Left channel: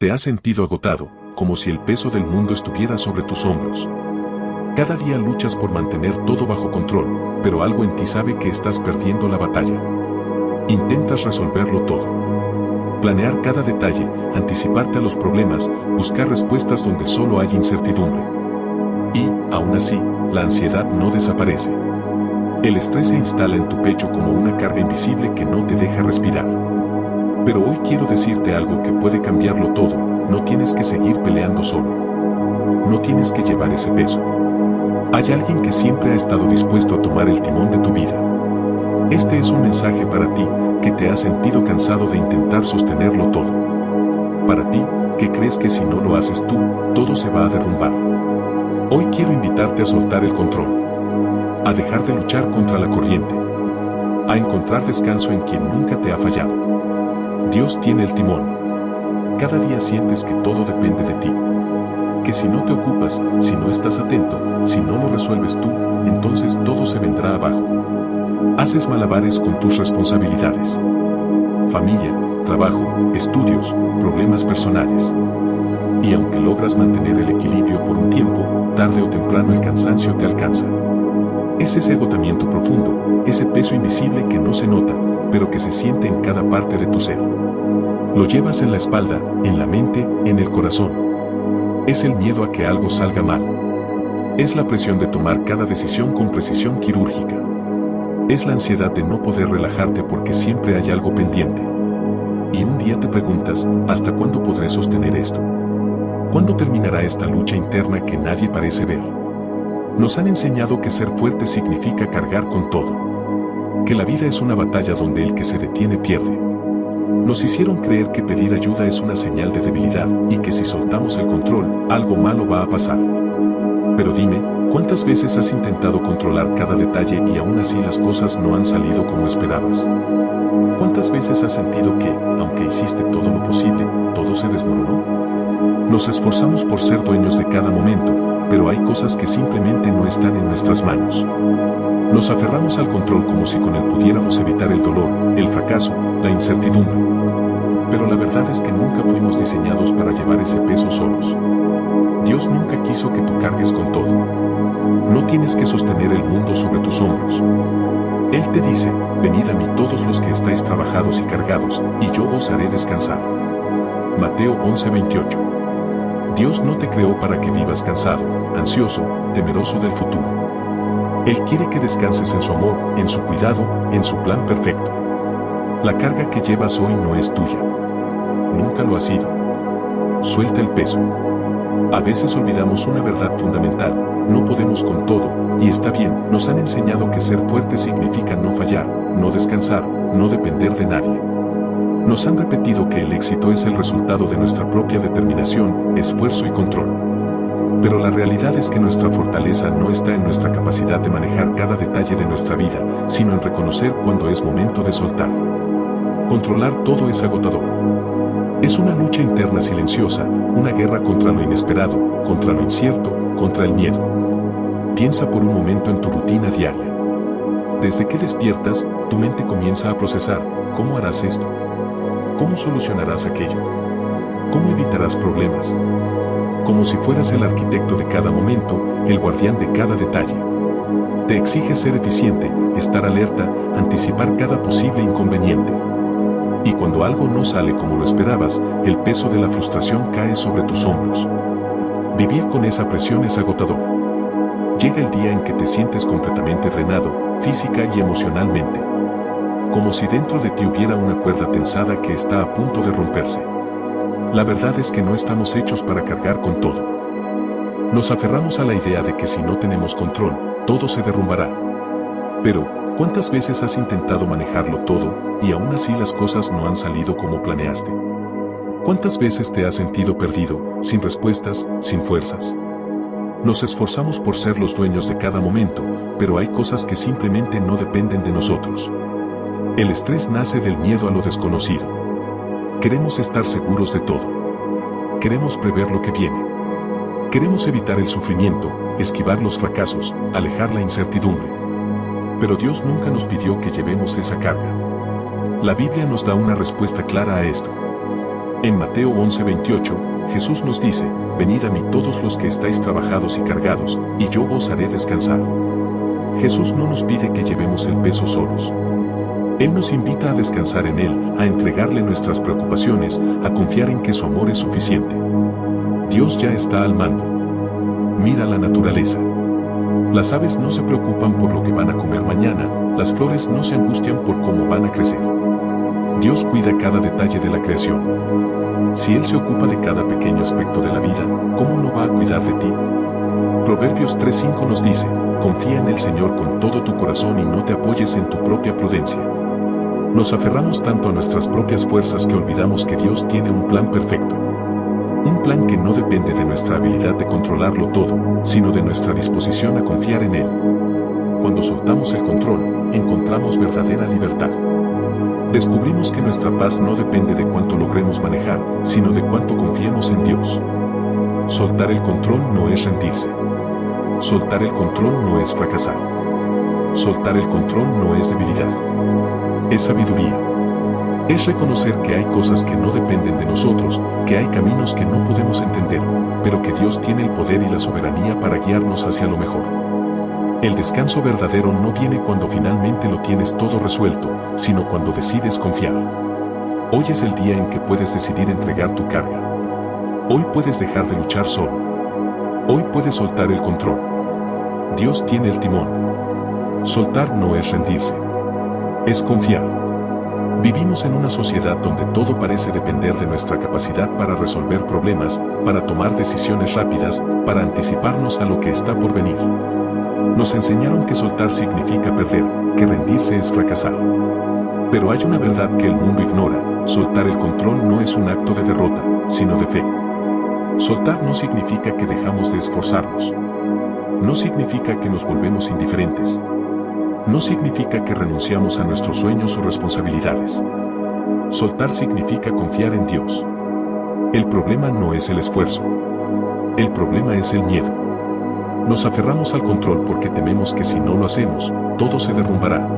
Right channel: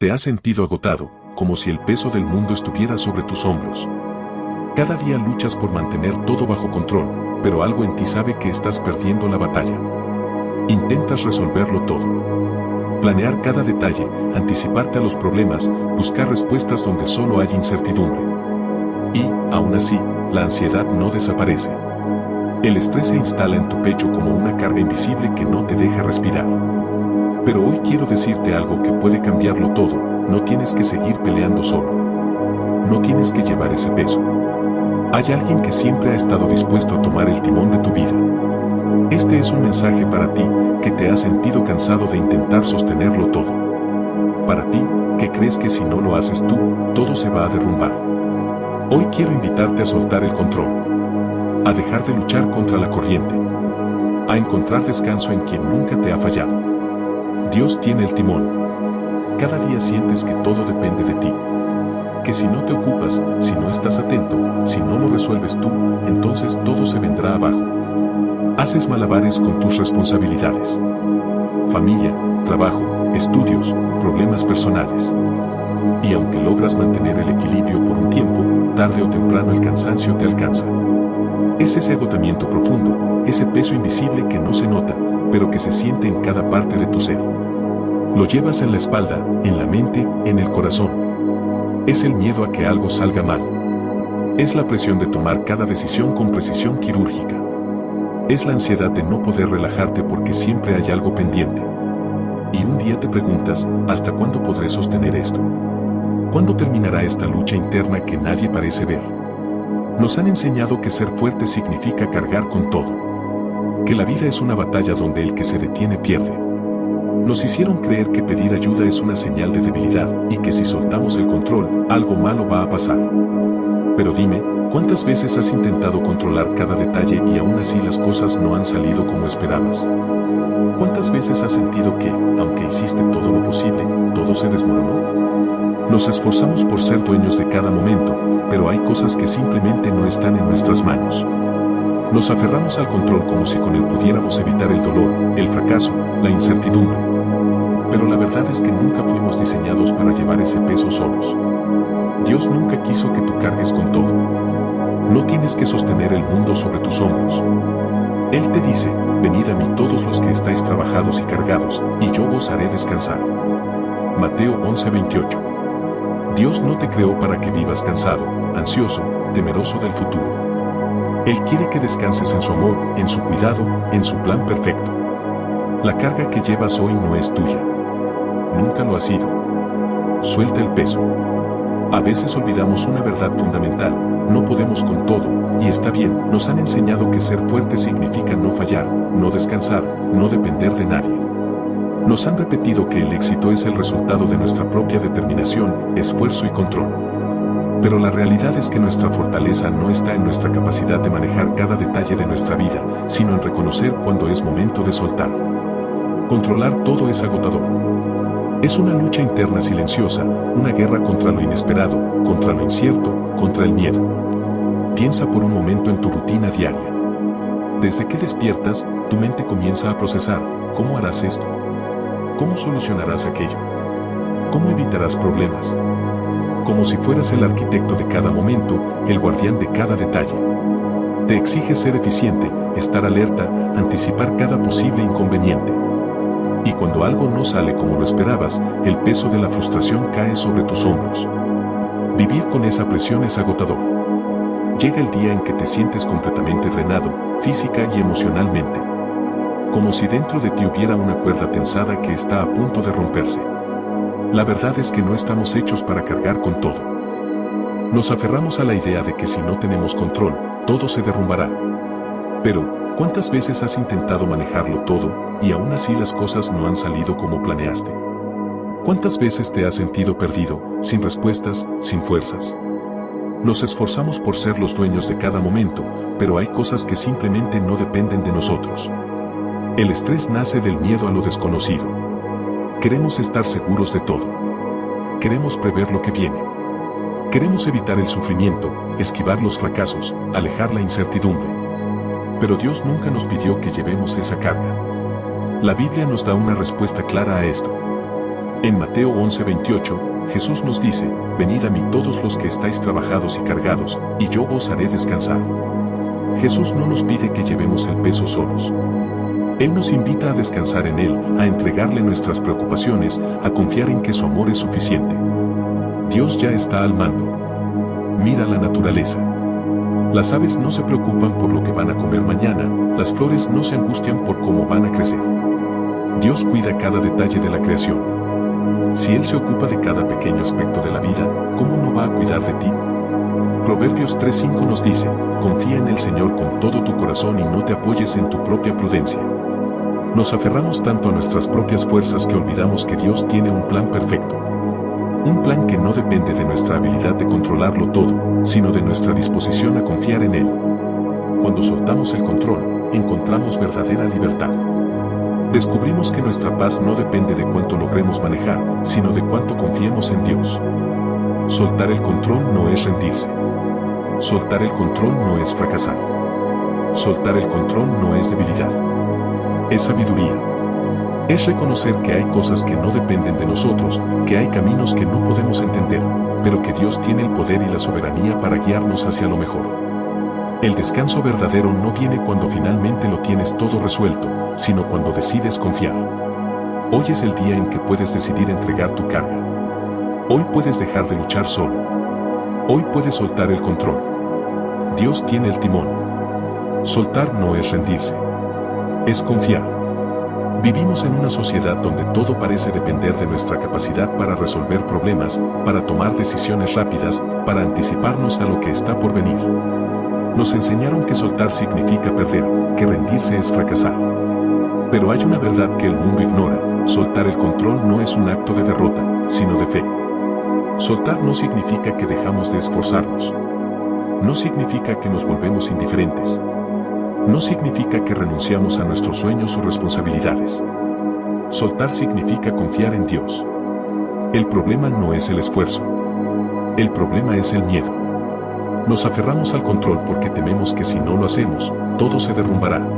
Te has sentido agotado, como si el peso del mundo estuviera sobre tus hombros. Cada día luchas por mantener todo bajo control, pero algo en ti sabe que estás perdiendo la batalla. Intentas resolverlo todo. Planear cada detalle, anticiparte a los problemas, buscar respuestas donde solo hay incertidumbre. Y, aún así, la ansiedad no desaparece. El estrés se instala en tu pecho como una carga invisible que no te deja respirar. Pero hoy quiero decirte algo que puede cambiarlo todo. No tienes que seguir peleando solo. No tienes que llevar ese peso. Hay alguien que siempre ha estado dispuesto a tomar el timón de tu vida. Este es un mensaje para ti, que te has sentido cansado de intentar sostenerlo todo. Para ti, que crees que si no lo haces tú, todo se va a derrumbar. Hoy quiero invitarte a soltar el control. A dejar de luchar contra la corriente. A encontrar descanso en quien nunca te ha fallado. Dios tiene el timón. Cada día sientes que todo depende de ti. Que si no te ocupas, si no estás atento, si no lo resuelves tú, entonces todo se vendrá abajo. Haces malabares con tus responsabilidades. Familia, trabajo, estudios, problemas personales. Y aunque logras mantener el equilibrio por un tiempo, tarde o temprano el cansancio te alcanza. Es ese agotamiento profundo, ese peso invisible que no se nota, pero que se siente en cada parte de tu ser. Lo llevas en la espalda, en la mente, en el corazón. Es el miedo a que algo salga mal. Es la presión de tomar cada decisión con precisión quirúrgica. Es la ansiedad de no poder relajarte porque siempre hay algo pendiente. Y un día te preguntas, ¿hasta cuándo podré sostener esto? ¿Cuándo terminará esta lucha interna que nadie parece ver? Nos han enseñado que ser fuerte significa cargar con todo. Que la vida es una batalla donde el que se detiene pierde. Nos hicieron creer que pedir ayuda es una señal de debilidad y que si soltamos el control, algo malo va a pasar. Pero dime, ¿cuántas veces has intentado controlar cada detalle y aún así las cosas no han salido como esperabas? ¿Cuántas veces has sentido que, aunque hiciste todo lo posible, todo se desmoronó? Nos esforzamos por ser dueños de cada momento, pero hay cosas que simplemente no están en nuestras manos. Nos aferramos al control como si con él pudiéramos evitar el dolor, el fracaso, la incertidumbre. Pero la verdad es que nunca fuimos diseñados para llevar ese peso solos. Dios nunca quiso que tú cargues con todo. No tienes que sostener el mundo sobre tus hombros. Él te dice, venid a mí todos los que estáis trabajados y cargados, y yo os haré descansar. Mateo 11:28. Dios no te creó para que vivas cansado, ansioso, temeroso del futuro. Él quiere que descanses en su amor, en su cuidado, en su plan perfecto. La carga que llevas hoy no es tuya. Nunca lo ha sido. Suelta el peso. A veces olvidamos una verdad fundamental, no podemos con todo, y está bien, nos han enseñado que ser fuerte significa no fallar, no descansar, no depender de nadie. Nos han repetido que el éxito es el resultado de nuestra propia determinación, esfuerzo y control. Pero la realidad es que nuestra fortaleza no está en nuestra capacidad de manejar cada detalle de nuestra vida, sino en reconocer cuando es momento de soltar. Controlar todo es agotador. Es una lucha interna silenciosa, una guerra contra lo inesperado, contra lo incierto, contra el miedo. Piensa por un momento en tu rutina diaria. Desde que despiertas, tu mente comienza a procesar, ¿cómo harás esto? ¿Cómo solucionarás aquello? ¿Cómo evitarás problemas? Como si fueras el arquitecto de cada momento, el guardián de cada detalle. Te exige ser eficiente, estar alerta, anticipar cada posible inconveniente. Y cuando algo no sale como lo esperabas, el peso de la frustración cae sobre tus hombros. Vivir con esa presión es agotador. Llega el día en que te sientes completamente drenado, física y emocionalmente. Como si dentro de ti hubiera una cuerda tensada que está a punto de romperse. La verdad es que no estamos hechos para cargar con todo. Nos aferramos a la idea de que si no tenemos control, todo se derrumbará. Pero, ¿cuántas veces has intentado manejarlo todo, y aún así las cosas no han salido como planeaste? ¿Cuántas veces te has sentido perdido, sin respuestas, sin fuerzas? Nos esforzamos por ser los dueños de cada momento, pero hay cosas que simplemente no dependen de nosotros. El estrés nace del miedo a lo desconocido. Queremos estar seguros de todo. Queremos prever lo que viene. Queremos evitar el sufrimiento, esquivar los fracasos, alejar la incertidumbre. Pero Dios nunca nos pidió que llevemos esa carga. La Biblia nos da una respuesta clara a esto. En Mateo 11:28, Jesús nos dice, venid a mí todos los que estáis trabajados y cargados, y yo os haré descansar. Jesús no nos pide que llevemos el peso solos. Él nos invita a descansar en Él, a entregarle nuestras preocupaciones, a confiar en que su amor es suficiente. Dios ya está al mando. Mira la naturaleza. Las aves no se preocupan por lo que van a comer mañana, las flores no se angustian por cómo van a crecer. Dios cuida cada detalle de la creación. Si Él se ocupa de cada pequeño aspecto de la vida, ¿cómo no va a cuidar de ti? Proverbios 3:5 nos dice, confía en el Señor con todo tu corazón y no te apoyes en tu propia prudencia. Nos aferramos tanto a nuestras propias fuerzas que olvidamos que Dios tiene un plan perfecto. Un plan que no depende de nuestra habilidad de controlarlo todo, sino de nuestra disposición a confiar en Él. Cuando soltamos el control, encontramos verdadera libertad. Descubrimos que nuestra paz no depende de cuánto logremos manejar, sino de cuánto confiemos en Dios. Soltar el control no es rendirse. Soltar el control no es fracasar. Soltar el control no es debilidad. Es sabiduría. Es reconocer que hay cosas que no dependen de nosotros, que hay caminos que no podemos entender, pero que Dios tiene el poder y la soberanía para guiarnos hacia lo mejor. El descanso verdadero no viene cuando finalmente lo tienes todo resuelto, sino cuando decides confiar. Hoy es el día en que puedes decidir entregar tu carga. Hoy puedes dejar de luchar solo. Hoy puedes soltar el control. Dios tiene el timón. Soltar no es rendirse. Es confiar. Vivimos en una sociedad donde todo parece depender de nuestra capacidad para resolver problemas, para tomar decisiones rápidas, para anticiparnos a lo que está por venir. Nos enseñaron que soltar significa perder, que rendirse es fracasar. Pero hay una verdad que el mundo ignora: soltar el control no es un acto de derrota, sino de fe. Soltar no significa que dejamos de esforzarnos. No significa que nos volvemos indiferentes. No significa que renunciamos a nuestros sueños o responsabilidades. Soltar significa confiar en Dios. El problema no es el esfuerzo. El problema es el miedo. Nos aferramos al control porque tememos que si no lo hacemos, todo se derrumbará.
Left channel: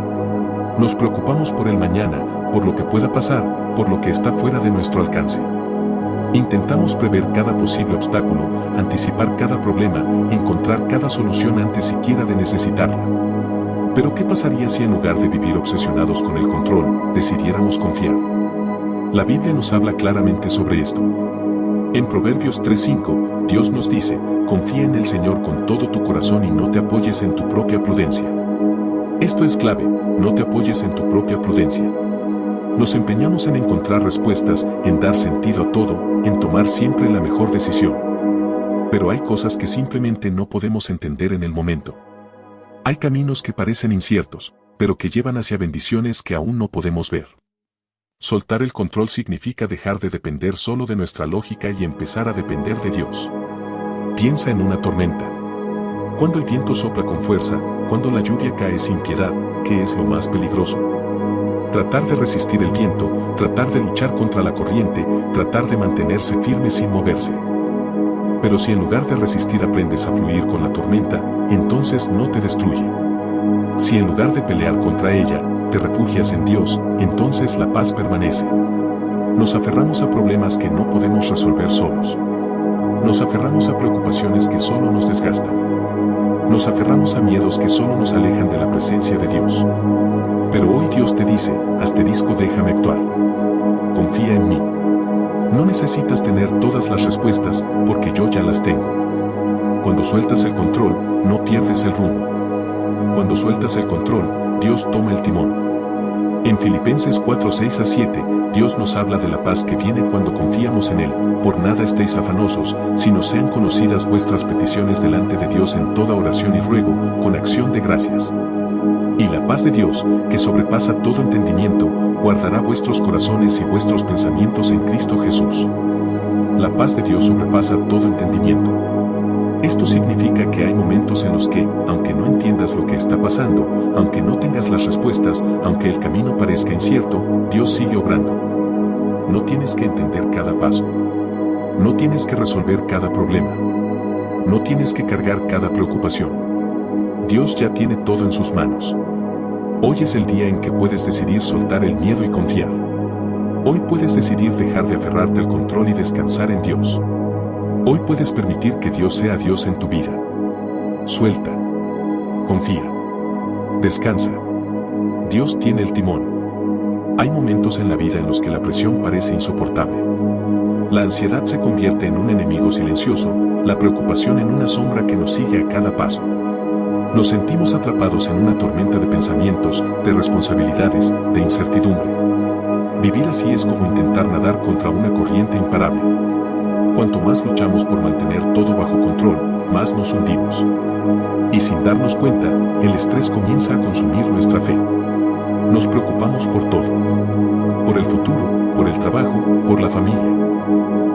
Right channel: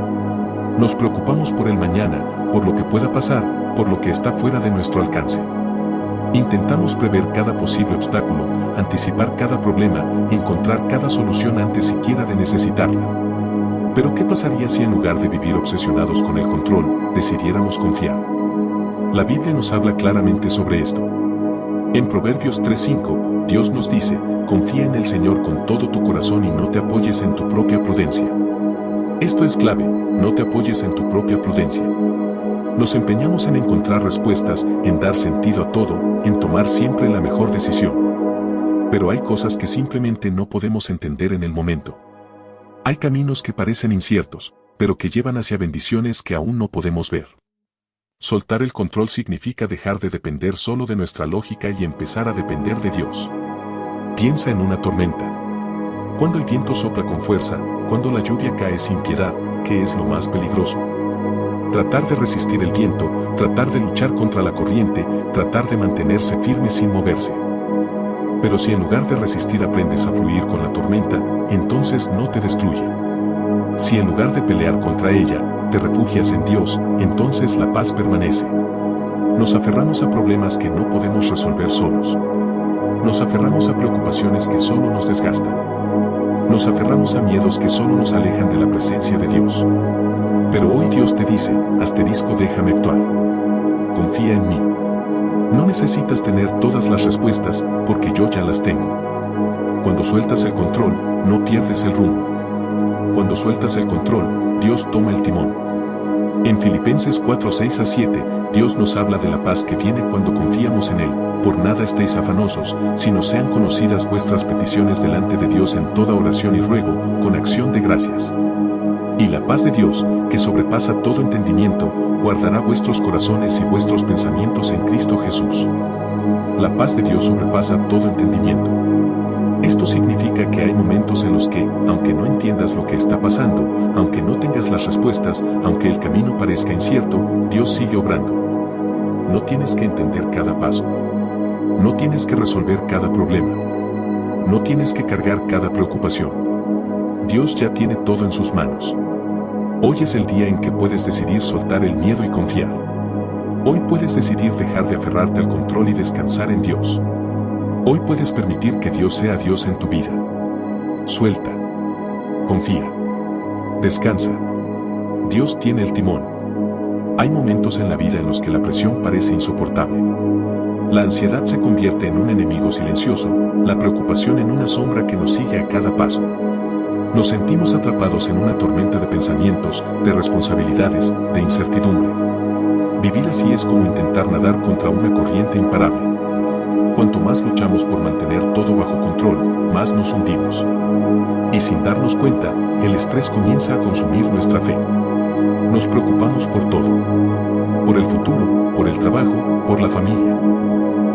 Nos preocupamos por el mañana, por lo que pueda pasar, por lo que está fuera de nuestro alcance. Intentamos prever cada posible obstáculo, anticipar cada problema, encontrar cada solución antes siquiera de necesitarla. Pero ¿qué pasaría si en lugar de vivir obsesionados con el control, decidiéramos confiar? La Biblia nos habla claramente sobre esto. En Proverbios 3:5, Dios nos dice, confía en el Señor con todo tu corazón y no te apoyes en tu propia prudencia. Esto es clave, no te apoyes en tu propia prudencia. Nos empeñamos en encontrar respuestas, en dar sentido a todo, en tomar siempre la mejor decisión. Pero hay cosas que simplemente no podemos entender en el momento. Hay caminos que parecen inciertos, pero que llevan hacia bendiciones que aún no podemos ver. Soltar el control significa dejar de depender solo de nuestra lógica y empezar a depender de Dios. Piensa en una tormenta. Cuando el viento sopla con fuerza, cuando la lluvia cae sin piedad, ¿qué es lo más peligroso? Tratar de resistir el viento, tratar de luchar contra la corriente, tratar de mantenerse firme sin moverse. Pero si en lugar de resistir aprendes a fluir con la tormenta, entonces no te destruye. Si en lugar de pelear contra ella, te refugias en Dios, entonces la paz permanece. Nos aferramos a problemas que no podemos resolver solos. Nos aferramos a preocupaciones que solo nos desgastan. Nos aferramos a miedos que solo nos alejan de la presencia de Dios. Pero hoy Dios te dice, déjame actuar. Confía en mí. No necesitas tener todas las respuestas, porque yo ya las tengo. Cuando sueltas el control, no pierdes el rumbo. Cuando sueltas el control, Dios toma el timón. En Filipenses 4:6-7, Dios nos habla de la paz que viene cuando confiamos en Él. Por nada estéis afanosos, sino sean conocidas vuestras peticiones delante de Dios en toda oración y ruego, con acción de gracias. Y la paz de Dios, que sobrepasa todo entendimiento, guardará vuestros corazones y vuestros pensamientos en Cristo Jesús. La paz de Dios sobrepasa todo entendimiento. Esto significa que hay momentos en los que, aunque no entiendas lo que está pasando, aunque no tengas las respuestas, aunque el camino parezca incierto, Dios sigue obrando. No tienes que entender cada paso. No tienes que resolver cada problema. No tienes que cargar cada preocupación. Dios ya tiene todo en sus manos. Hoy es el día en que puedes decidir soltar el miedo y confiar. Hoy puedes decidir dejar de aferrarte al control y descansar en Dios. Hoy puedes permitir que Dios sea Dios en tu vida. Suelta. Confía. Descansa. Dios tiene el timón. Hay momentos en la vida en los que la presión parece insoportable. La ansiedad se convierte en un enemigo silencioso, la preocupación en una sombra que nos sigue a cada paso. Nos sentimos atrapados en una tormenta de pensamientos, de responsabilidades, de incertidumbre. Vivir así es como intentar nadar contra una corriente imparable. Cuanto más luchamos por mantener todo bajo control, más nos hundimos. Y sin darnos cuenta, el estrés comienza a consumir nuestra fe. Nos preocupamos por todo. Por el futuro, por el trabajo, por la familia.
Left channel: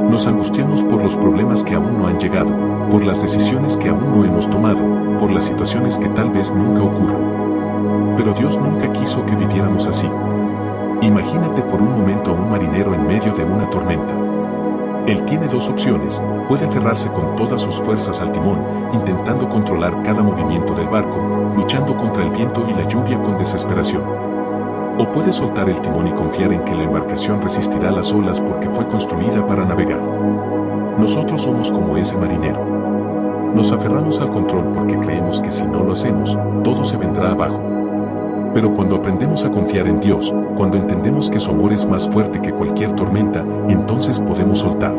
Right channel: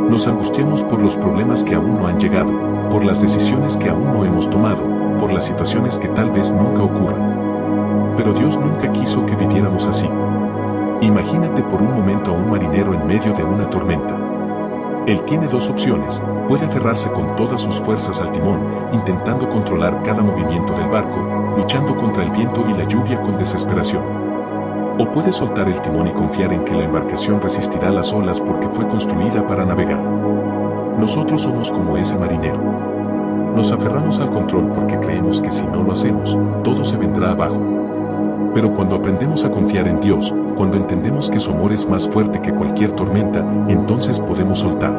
Nos angustiamos por los problemas que aún no han llegado, por las decisiones que aún no hemos tomado, por las situaciones que tal vez nunca ocurran. Pero Dios nunca quiso que viviéramos así. Imagínate por un momento a un marinero en medio de una tormenta. Él tiene dos opciones: puede aferrarse con todas sus fuerzas al timón, intentando controlar cada movimiento del barco, luchando contra el viento y la lluvia con desesperación. O puede soltar el timón y confiar en que la embarcación resistirá las olas porque fue construida para navegar. Nosotros somos como ese marinero. Nos aferramos al control porque creemos que si no lo hacemos, todo se vendrá abajo. Pero cuando aprendemos a confiar en Dios, cuando entendemos que su amor es más fuerte que cualquier tormenta, entonces podemos soltar.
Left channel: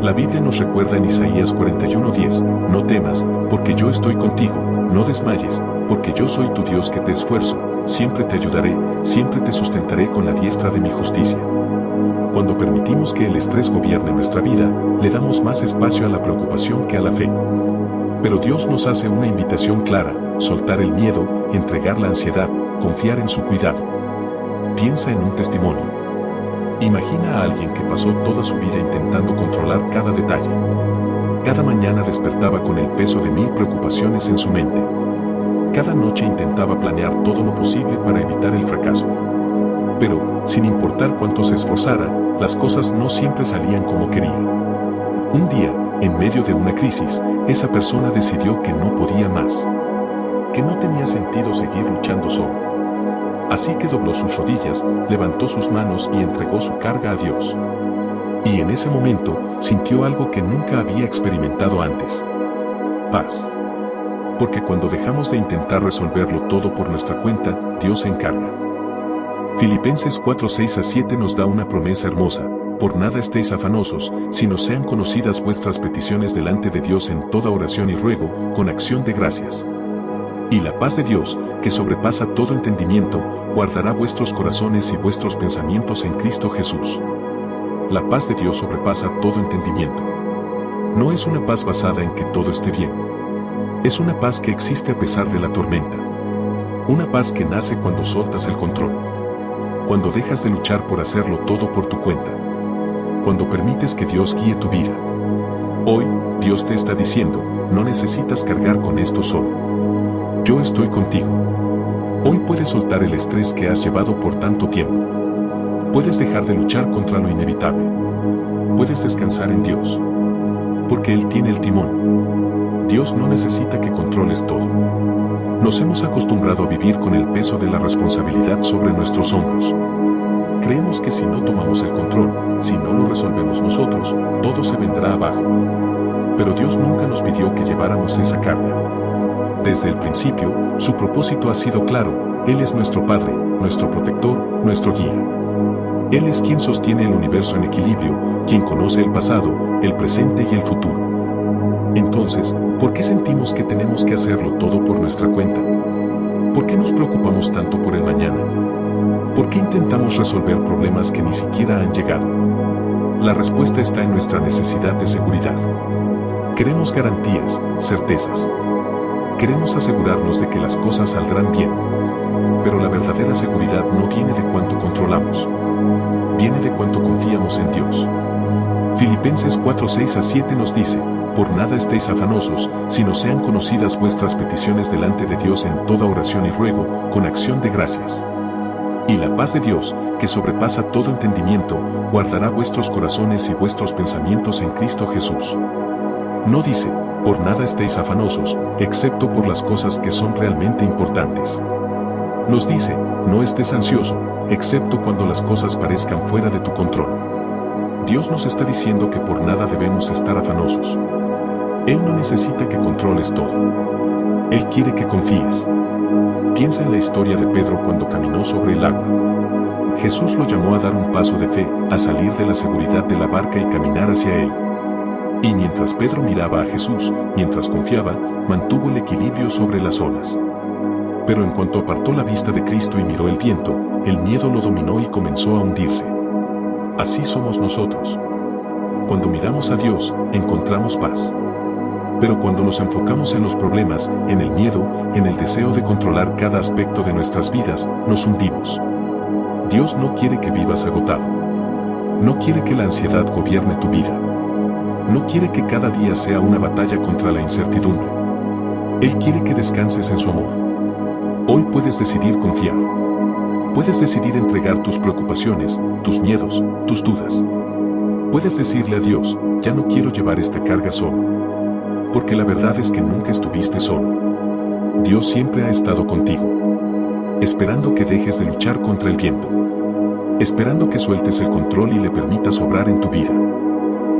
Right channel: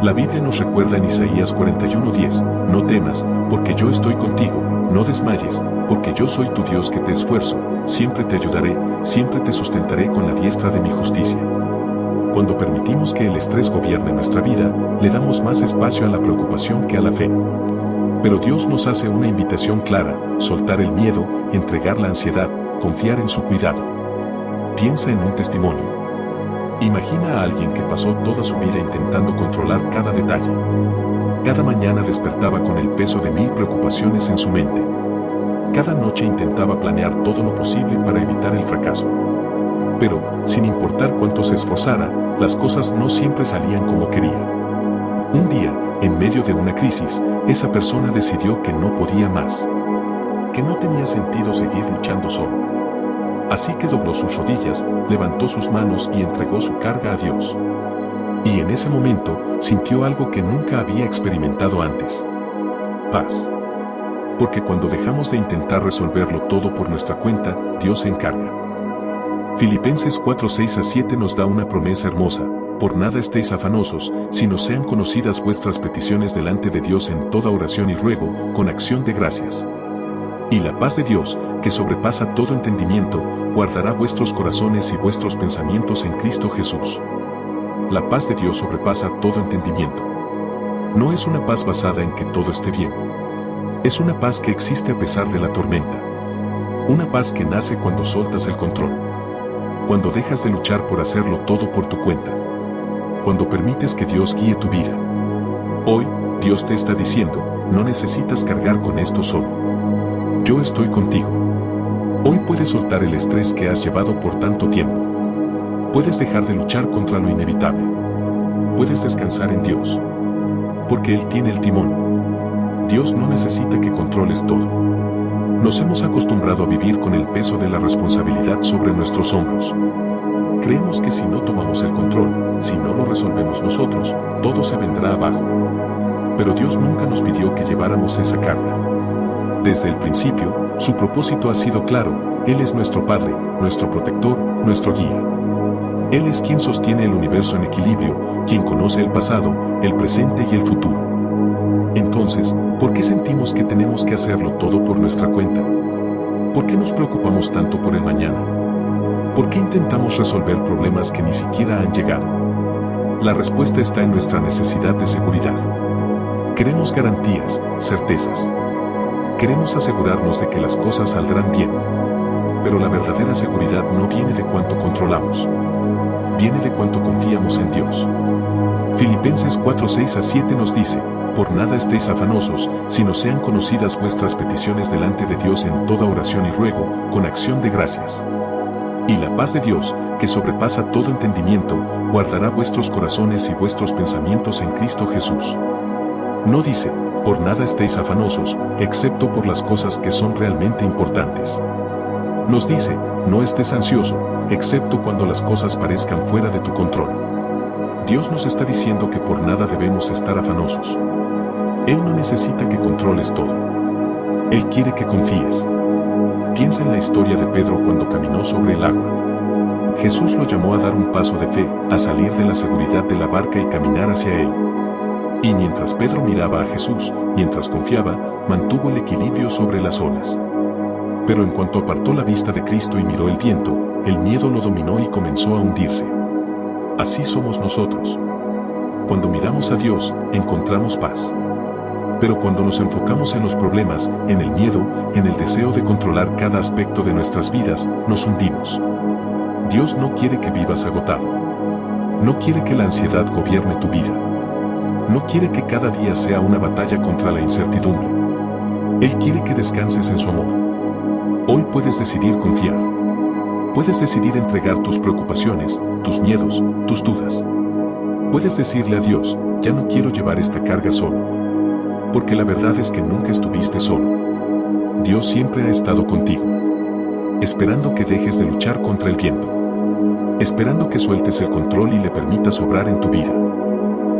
La Biblia nos recuerda en Isaías 41:10, no temas, porque yo estoy contigo, no desmayes, porque yo soy tu Dios que te esfuerzo, siempre te ayudaré, siempre te sustentaré con la diestra de mi justicia. Cuando permitimos que el estrés gobierne nuestra vida, le damos más espacio a la preocupación que a la fe. Pero Dios nos hace una invitación clara: soltar el miedo, entregar la ansiedad, confiar en su cuidado. Piensa en un testimonio. Imagina a alguien que pasó toda su vida intentando controlar cada detalle. Cada mañana despertaba con el peso de 1000 preocupaciones en su mente. Cada noche intentaba planear todo lo posible para evitar el fracaso. Pero, sin importar cuánto se esforzara, las cosas no siempre salían como quería. Un día, en medio de una crisis, esa persona decidió que no podía más. Que no tenía sentido seguir luchando solo. Así que dobló sus rodillas, levantó sus manos y entregó su carga a Dios. Y en ese momento, sintió algo que nunca había experimentado antes: paz. Porque cuando dejamos de intentar resolverlo todo por nuestra cuenta, Dios se encarga. Filipenses 4:6-7 nos da una promesa hermosa: por nada estéis afanosos, sino sean conocidas vuestras peticiones delante de Dios en toda oración y ruego, con acción de gracias. Y la paz de Dios, que sobrepasa todo entendimiento, guardará vuestros corazones y vuestros pensamientos en Cristo Jesús. La paz de Dios sobrepasa todo entendimiento. No es una paz basada en que todo esté bien. Es una paz que existe a pesar de la tormenta. Una paz que nace cuando soltas el control. Cuando dejas de luchar por hacerlo todo por tu cuenta. Cuando permites que Dios guíe tu vida. Hoy, Dios te está diciendo: no necesitas cargar con esto solo. Yo estoy contigo. Hoy puedes soltar el estrés que has llevado por tanto tiempo. Puedes dejar de luchar contra lo inevitable. Puedes descansar en Dios. Porque Él tiene el timón. Dios no necesita que controles todo. Nos hemos acostumbrado a vivir con el peso de la responsabilidad sobre nuestros hombros. Creemos que si no tomamos el control, si no lo resolvemos nosotros, todo se vendrá abajo. Pero Dios nunca nos pidió que lleváramos esa carga. Desde el principio, su propósito ha sido claro: Él es nuestro Padre, nuestro protector, nuestro guía. Él es quien sostiene el universo en equilibrio, quien conoce el pasado, el presente y el futuro. Entonces, ¿por qué sentimos que tenemos que hacerlo todo por nuestra cuenta? ¿Por qué nos preocupamos tanto por el mañana? ¿Por qué intentamos resolver problemas que ni siquiera han llegado? La respuesta está en nuestra necesidad de seguridad. Queremos garantías, certezas. Queremos asegurarnos de que las cosas saldrán bien. Pero la verdadera seguridad no viene de cuánto controlamos. Viene de cuánto confiamos en Dios. Filipenses 4:6-7 nos dice: por nada estéis afanosos, sino sean conocidas vuestras peticiones delante de Dios en toda oración y ruego, con acción de gracias. Y la paz de Dios, que sobrepasa todo entendimiento, guardará vuestros corazones y vuestros pensamientos en Cristo Jesús. No dice: por nada estéis afanosos, excepto por las cosas que son realmente importantes. Nos dice: no estés ansioso, excepto cuando las cosas parezcan fuera de tu control. Dios nos está diciendo que por nada debemos estar afanosos. Él no necesita que controles todo. Él quiere que confíes. Piensa en la historia de Pedro cuando caminó sobre el agua. Jesús lo llamó a dar un paso de fe, a salir de la seguridad de la barca y caminar hacia él. Y mientras Pedro miraba a Jesús, mientras confiaba, mantuvo el equilibrio sobre las olas. Pero en cuanto apartó la vista de Cristo y miró el viento, el miedo lo dominó y comenzó a hundirse. Así somos nosotros. Cuando miramos a Dios, encontramos paz. Pero cuando nos enfocamos en los problemas, en el miedo, en el deseo de controlar cada aspecto de nuestras vidas, nos hundimos. Dios no quiere que vivas agotado. No quiere que la ansiedad gobierne tu vida. No quiere que cada día sea una batalla contra la incertidumbre. Él quiere que descanses en su amor. Hoy puedes decidir confiar. Puedes decidir entregar tus preocupaciones, tus miedos, tus dudas. Puedes decirle a Dios, ya no quiero llevar esta carga solo. Porque la verdad es que nunca estuviste solo. Dios siempre ha estado contigo. Esperando que dejes de luchar contra el viento. Esperando que sueltes el control y le permitas obrar en tu vida.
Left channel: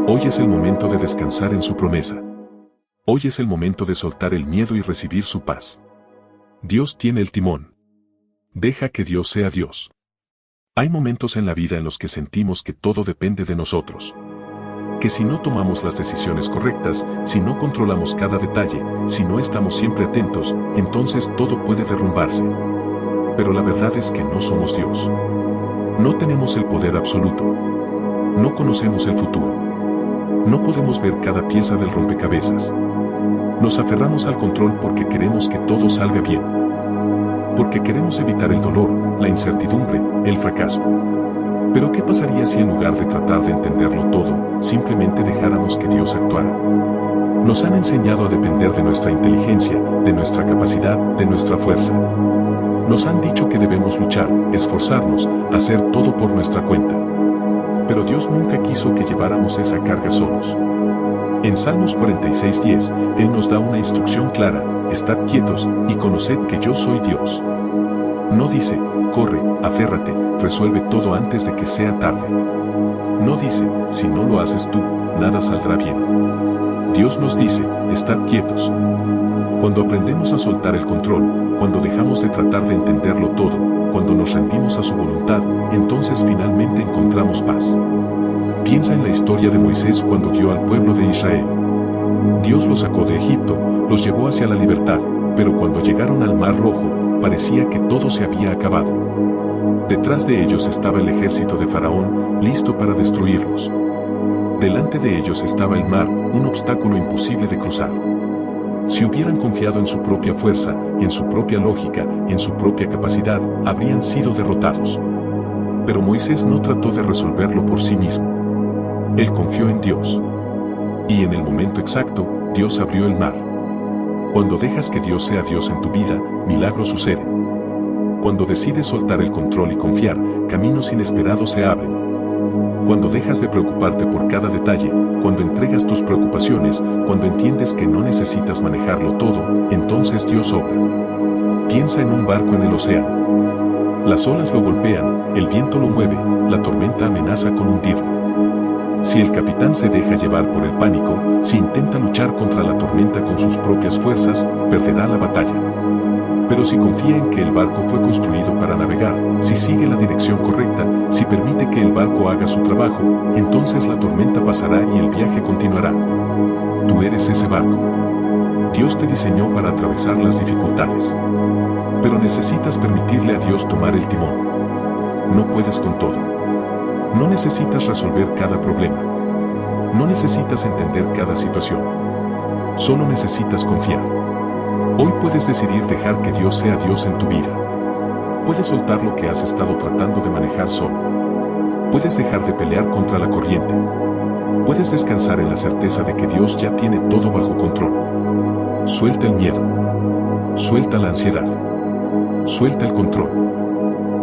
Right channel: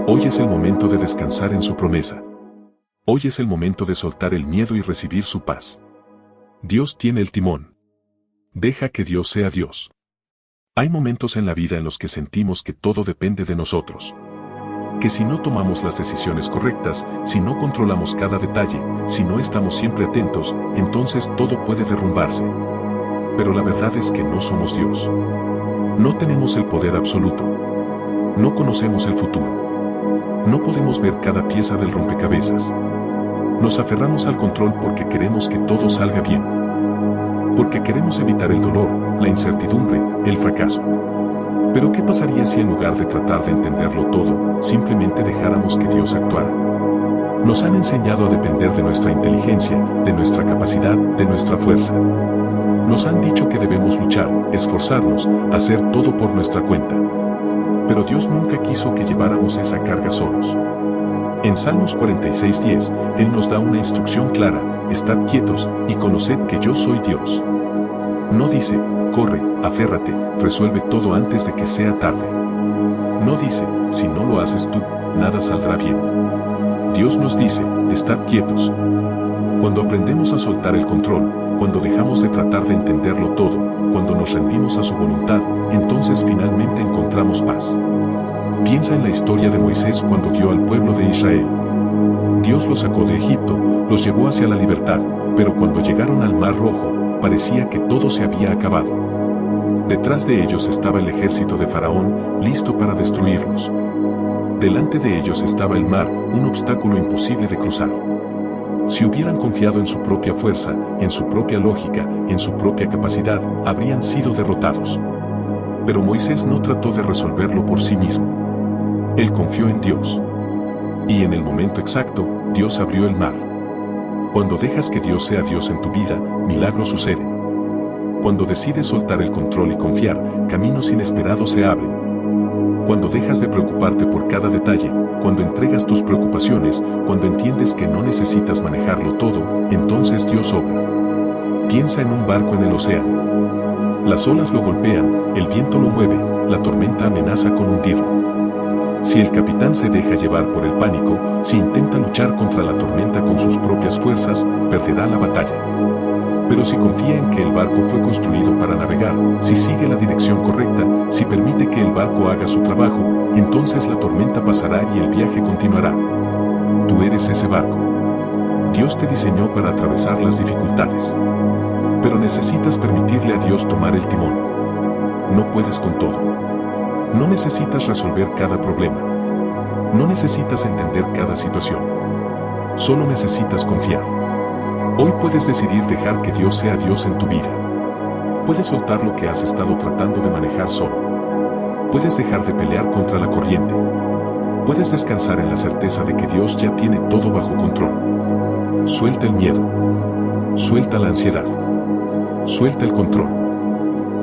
Hoy es el momento de descansar en su promesa. Hoy es el momento de soltar el miedo y recibir su paz. Dios tiene el timón. Deja que Dios sea Dios. Hay momentos en la vida en los que sentimos que todo depende de nosotros. Que si no tomamos las decisiones correctas, si no controlamos cada detalle, si no estamos siempre atentos, entonces todo puede derrumbarse. Pero la verdad es que no somos Dios. No tenemos el poder absoluto. No conocemos el futuro. No podemos ver cada pieza del rompecabezas. Nos aferramos al control porque queremos que todo salga bien. Porque queremos evitar el dolor, la incertidumbre, el fracaso. Pero ¿qué pasaría si en lugar de tratar de entenderlo todo, simplemente dejáramos que Dios actuara? Nos han enseñado a depender de nuestra inteligencia, de nuestra capacidad, de nuestra fuerza. Nos han dicho que debemos luchar, esforzarnos, hacer todo por nuestra cuenta. Pero Dios nunca quiso que lleváramos esa carga solos. En Salmos 46:10, Él nos da una instrucción clara: estad quietos y conoced que yo soy Dios. No dice, corre, aférrate, resuelve todo antes de que sea tarde. No dice, si no lo haces tú, nada saldrá bien. Dios nos dice, estad quietos. Cuando aprendemos a soltar el control, cuando dejamos de tratar de entenderlo todo, cuando nos rendimos a su voluntad, entonces finalmente encontramos paz. Piensa en la historia de Moisés cuando guió al pueblo de Israel. Dios los sacó de Egipto, los llevó hacia la libertad, pero cuando llegaron al Mar Rojo, parecía que todo se había acabado. Detrás de ellos estaba el ejército de Faraón, listo para destruirlos. Delante de ellos estaba el mar, un obstáculo imposible de cruzar. Si hubieran confiado en su propia fuerza, en su propia lógica, en su propia capacidad, habrían sido derrotados. Pero Moisés no trató de resolverlo por sí mismo. Él confió en Dios. Y en el momento exacto, Dios abrió el mar. Cuando dejas que Dios sea Dios en tu vida, milagros suceden. Cuando decides soltar el control y confiar, caminos inesperados se abren. Cuando dejas de preocuparte por cada detalle, cuando entregas tus preocupaciones, cuando entiendes que no necesitas manejarlo todo, entonces Dios obra. Piensa en un barco en el océano. Las olas lo golpean, el viento lo mueve, la tormenta amenaza con hundirlo. Si el capitán se deja llevar por el pánico, si intenta luchar contra la tormenta con sus propias fuerzas, perderá la batalla. Pero si confía en que el barco fue construido para navegar, si sigue la dirección correcta, si permite que el barco haga su trabajo, entonces la tormenta pasará y el viaje continuará. Tú eres ese barco. Dios te diseñó para atravesar las dificultades. Pero necesitas permitirle a Dios tomar el timón. No puedes con todo. No necesitas resolver cada problema. No necesitas entender cada situación. Solo necesitas confiar. Hoy puedes decidir dejar que Dios sea Dios en tu vida. Puedes soltar lo que has estado tratando de manejar solo. Puedes dejar de pelear contra la corriente. Puedes descansar en la certeza de que Dios ya tiene todo bajo control. Suelta el miedo. Suelta la ansiedad. Suelta el control.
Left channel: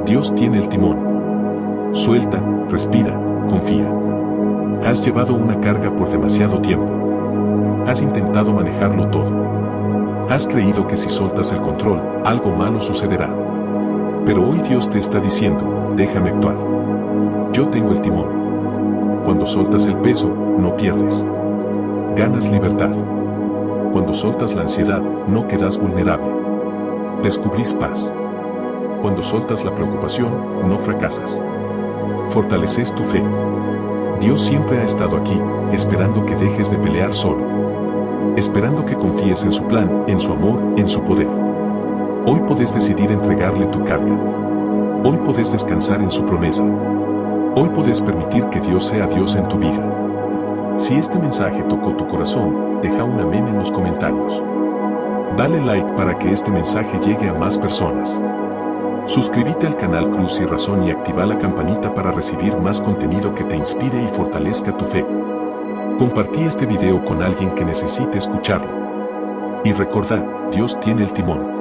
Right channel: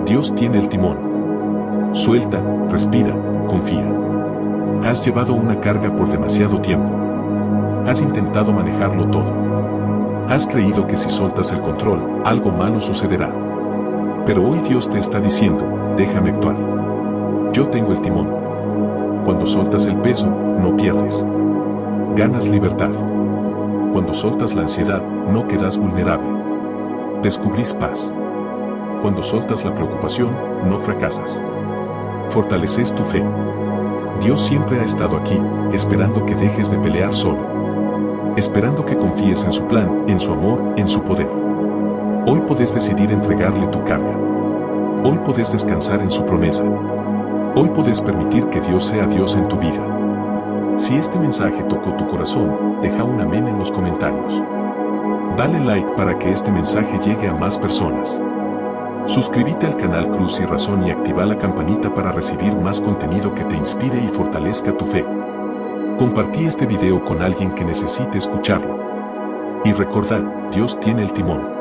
Dios tiene el timón. Suelta, respira, confía. Has llevado una carga por demasiado tiempo. Has intentado manejarlo todo. Has creído que si soltas el control, algo malo sucederá. Pero hoy Dios te está diciendo, déjame actuar. Yo tengo el timón. Cuando soltas el peso, no pierdes. Ganas libertad. Cuando soltas la ansiedad, no quedas vulnerable. Descubrís paz. Cuando soltas la preocupación, no fracasas. Fortaleces tu fe. Dios siempre ha estado aquí, esperando que dejes de pelear solo. Esperando que confíes en su plan, en su amor, en su poder. Hoy podés decidir entregarle tu carga. Hoy podés descansar en su promesa. Hoy podés permitir que Dios sea Dios en tu vida. Si este mensaje tocó tu corazón, deja un amén en los comentarios. Dale like para que este mensaje llegue a más personas. Suscríbete al canal Cruz y Razón y activa la campanita para recibir más contenido que te inspire y fortalezca tu fe. Compartí este video con alguien que necesite escucharlo. Y recordad, Dios tiene el timón.